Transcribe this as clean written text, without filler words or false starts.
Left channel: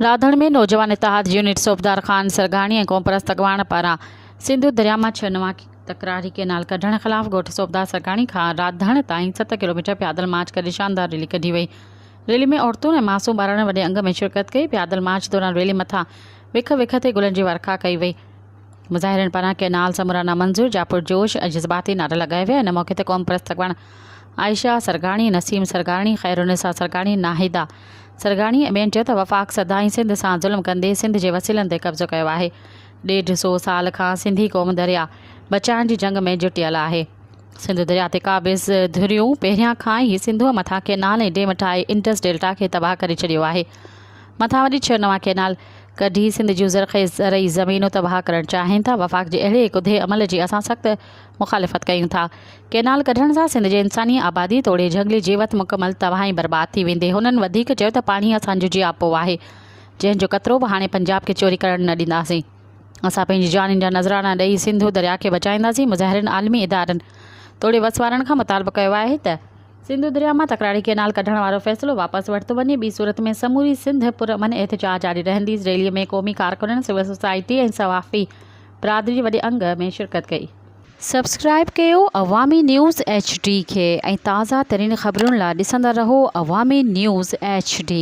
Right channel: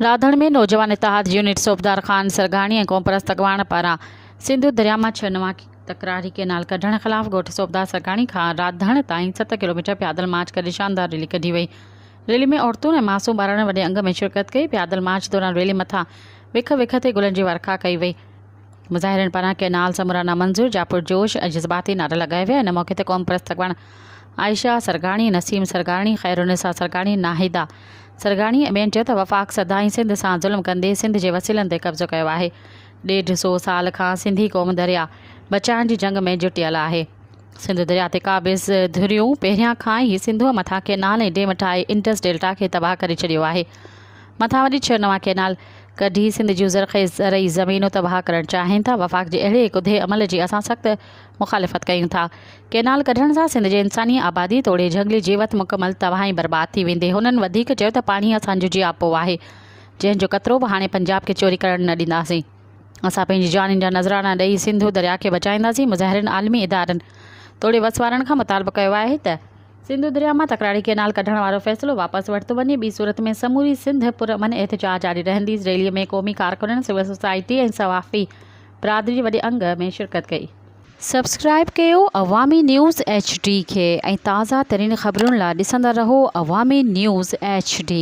राधण में नौजवान इतिहाद यूनिट सूबेदार खान सरगाणी ऐं कोमपरस्त अॻवान पारां सिंधु दरिया मां 6 नवां तकरारी केनाल कढण ख़िलाफ़ ॻोठ सूबेदार सरगाणी खां राधण ताईं 7 किलोमीटर पैदल मार्च करे शानदार रैली कढी वई। रैली में औरतुनि ऐं मासूम ॿारनि वॾे अंग में शिरकत कई। पैदल मार्च दौरान रैली मथां विख विख ते गुलनि जी वर्खा कई वई। मुज़ाहिरनि पारां केनाल समूरा नामंज़ूर जापुर जोश ऐं जज़्बाती नारा लगाया विया। इन मौक़े ते कोमपरस्त अॻवान आयशा सरगाणी, नसीम सरगाणी, खैरुनिसा सरगाणी, नाहिदा सरगाणी ऐं ॿियनि चयो त वफ़ाक़ सदाईं सिंध सां ज़ुल्म कंदे सिंध जे वसीलनि ते कब्ज़ो कयो आहे। 150 साल खां सिंधी क़ौम दरिया बचाइण जी जंग में जुटियल आहे। सिंध दरिया ते क़ाबिज़ धुरियूं पहिरियां खां ई सिंधूअ मथां केनाल ऐं डेम ठाहे इंडस डेल्टा खे तबाह करे छॾियो आहे। मथां वरी 6 नवां केनाल कढी सिंध जूं ज़रख़ेज़ ज़रई ज़मीनूं तबाह करणु चाहिनि था। वफ़ाक़ जे अहिड़े कुधे अमल जी असां सख़्त मुख़ालिफ़त कयूं था। केनाल कढण सां सिंध जे इंसानी आबादी तोड़े झंगली जीवत मुकमल तबाह ऐं बर्बाद थी वेंदे। हुननि वधीक चयो त पाणी असांजो जियापो आहे, जंहिंजो कतिरो बि हाणे पंजाब खे चोरी करणु न ॾींदासीं। असां पंहिंजी जानियुनि जा नज़राना ॾेई सिंधु दरिया खे बचाईंदासीं। मुज़ाहिरनि आलमी इदारनि तोड़े वसवारनि खां मुतालबो कयो आहे त सिंधु दरिया मां तकरारी केनाल कढण वारो फ़ैसिलो वापसि वरितो वञे। ॿी सूरत में समूरी सिंध पुरअमन एहतिजाज जारी रहंदी। रैलीअ में क़ौमी कारकुननि, सिविल सोसाइटी ऐं सवाफ़ी बिरादरी वॾे अंग में शिरकत कई। सब्सक्राइब कयो अवामी न्यूज़ HD खे ऐं ताज़ा तरीन ख़बरुनि लाइ ॾिसंदा रहो अवामी न्यूज़ HD।